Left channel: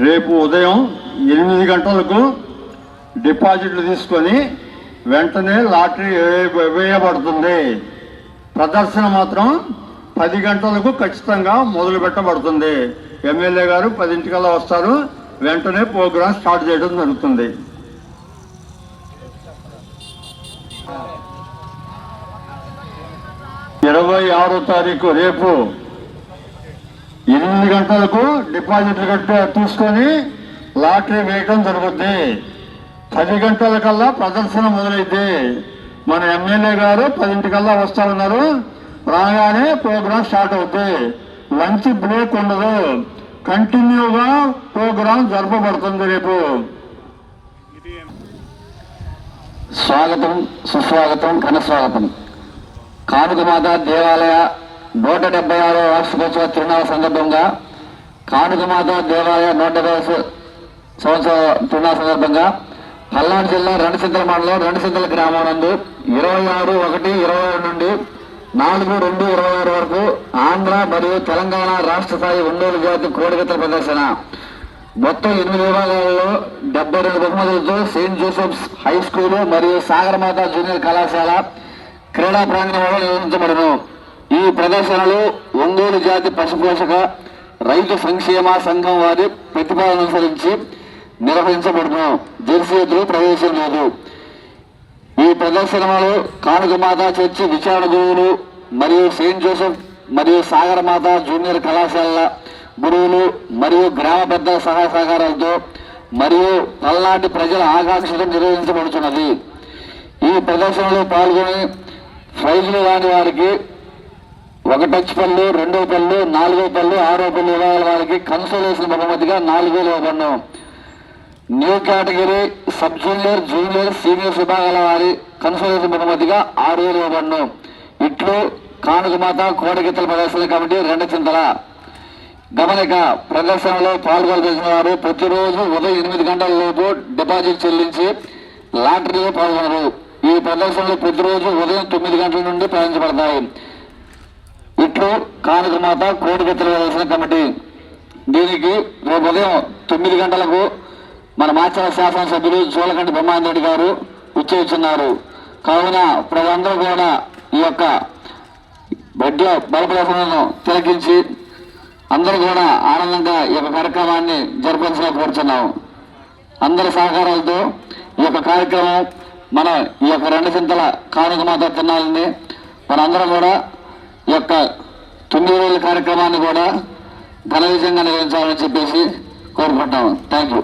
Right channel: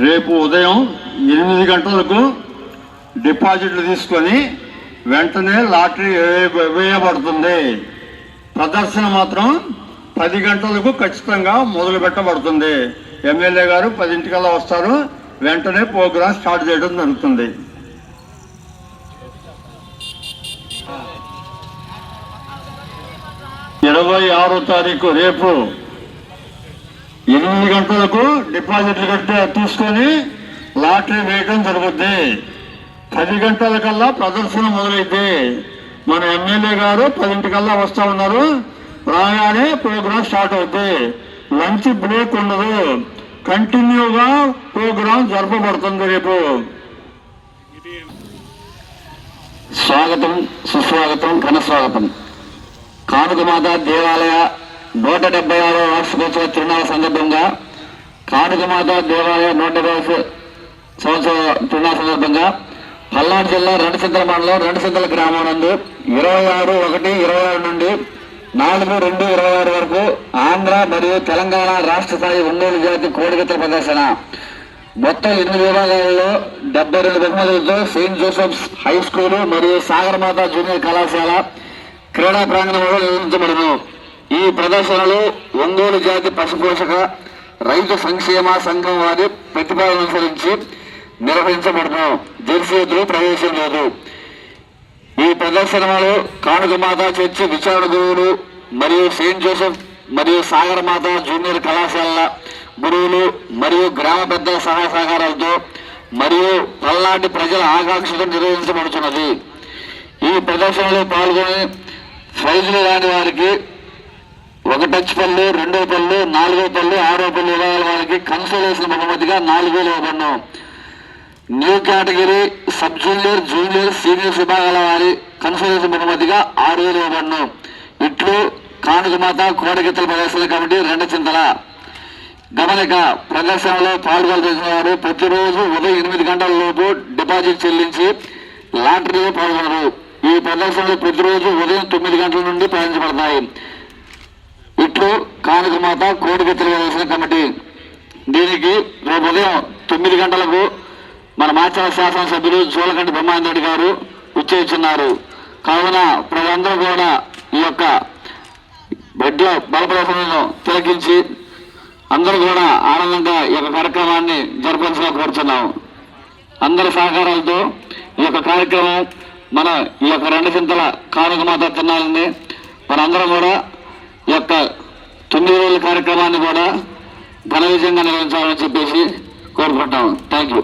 రేపు ఉదయం ఎనిమిది గంటలకు డిపాజిట్లు తీసుకొని వెంటనే లాటరీ వేయబడుతుంది ప్రదర్శన మాత్రం పది గంటలకు ఖచ్చితంగా మొదలు పెట్టబడుతుంది ఎమ్మెల్యే గారు పదింటికల్లా వస్తారు. వెంటనే ప్రోగ్రాం స్టార్ట్ చేయడం జరుగుతుంది. ఇరవై ఆరో తారీఖు రేపు ఎనిమిది గంటలకు డిపాజిట్లు కట్టే తీసుకొని లాటరీ వేయడం జరుగుద్ది. పది గంటల కల్లా ప్రదర్శన మొదలైంది మన ఎమ్మెల్యే గారు పదింటికల్లా వస్తా ఉన్నారు. రాగానే ప్రోగ్రాం స్టార్ట్ అవుద్ది. లంచ్ బ్రేక్ ఉండదు. కంటిన్యూగా ప్రోగ్రాం జరపబడుతుంది రేపు. స్వాగతం సుస్వాగతం ఘనస్వాగతం. కానుకమాత దేవాలయ నూట డెబ్బై ఆరో వార్షికోత్సవ తిరునాళ్ళ సందర్భంగా కానుకమాత దేవాలయ నూట డెబ్బై సంవత్సర తిరునాళ్ళ సందర్భంగా పల్నాడు జిల్లా రెండుసింతల మండలం రెండుసింతల గ్రామం నుండి ఇరవై ఆరు ఒకటి ఇరవై ఆరు నుండి నాలుగు రెండు ఇరవై ఆరు వరకు ఆంధ్ర మరియు తెలంగాణ రాష్ట్ర స్థాయి ఒంగోలు జాతి కోడిగతల ప్రదర్శన. మొత్తం ఎనిమిది విభాగాలలో డెబ్బై రెండు బహుమతులతో సెయింట్ జోసెఫ్స్ హై స్కూల్ మరియు సాగరమాత జూనియర్ కళాశాల క్రీడా ప్రాంగణంలో నిర్వహించబడును. ఈ ప్రదర్శనలు ఒంగోలు జాతి పశుపోషక రైతు సంక్షేమ సంఘం వారి ప్రతిపాదన అనుసరించి నిర్వహించబడును. జెర్సీ ఎద్దులు ప్రవేశం లేదు. ఈ ప్రదర్శనలో కానుకమాత చర్చి విచారణ గురువులు మరియు సెయింట్ జోసెఫ్ మరియు సాగరమాత జూనియర్ కళాశాలల గురువులు మరియు గ్రామ పెద్దల సహాయ సహకారాలతో మరియు పల్నాటి ప్రజల ఆకాంక్షతో నిర్వహించబడుతున్నది ఈ ప్రదర్శనలో పాల్గొని ప్రైజులు రాని వారికి ఒక టచ్ పళ్ళు రెండో పళ్ళు నాలుగో పళ్ళు ఆరో పళ్ళు ఇవ్వాలి వారికి కన్సోలేషన్ బహుమతిగా నాలుగు వేలు new category sub junior junior senior విభాగాల వారి కన్సోలేషన్ బహుమతిగా ఆరు వేలు ఇవ్వబడను ఇట్లు కానుకమాత కోడగిత్తల ప్రదర్శన కమిటీ రెండు చింతల. గమనిక ప్రదర్శనలో పాల్గొనవలసిన వారు ప్రతిరోజు ఉదయం ఎనిమిది గంటల లోపు డిపాజిట్ చెల్లించి లాటరీలో పాల్గొనరు. ఈ ప్రదర్శనలు ప్రతిరోజు ఉదయం తొమ్మిది గంటల నుండి ప్రయాణించబడతాయి. ఇట్లు కానకమాత కోడిగెత్తల ప్రదర్శన కమిటీ. దీనికి రేపు ఉదయం తొమ్మిది గంటలకు మన మాచల శాసనసభ్యులు జోలకంటి బ్రహ్మానంద రెడ్డి గారు ఉచ్చరించున్నారు కావున ప్రజలందరూ కూడా ఈ యొక్క బెడ్ల బలప్రదర్శనను తిలకించి అందరూ కూడా ఆనందంగా ఈ యొక్క కార్యక్రమాన్ని జరపవలసిగా కోరుతున్నాము అందరి సహకారాలతో ఈ యొక్క కార్యక్రమం మన ఈ యొక్క రెండు చింతల కానుక మాత తిన్నాలని మనందరం కూడా యొక్క తొమ్మిది రోజుల కార్యక్రమాన్ని కూడా ఘన విజయంగా నిర్వహించాలని చెప్పేసి కోరుకుంటాము థ్యాంక్ యూ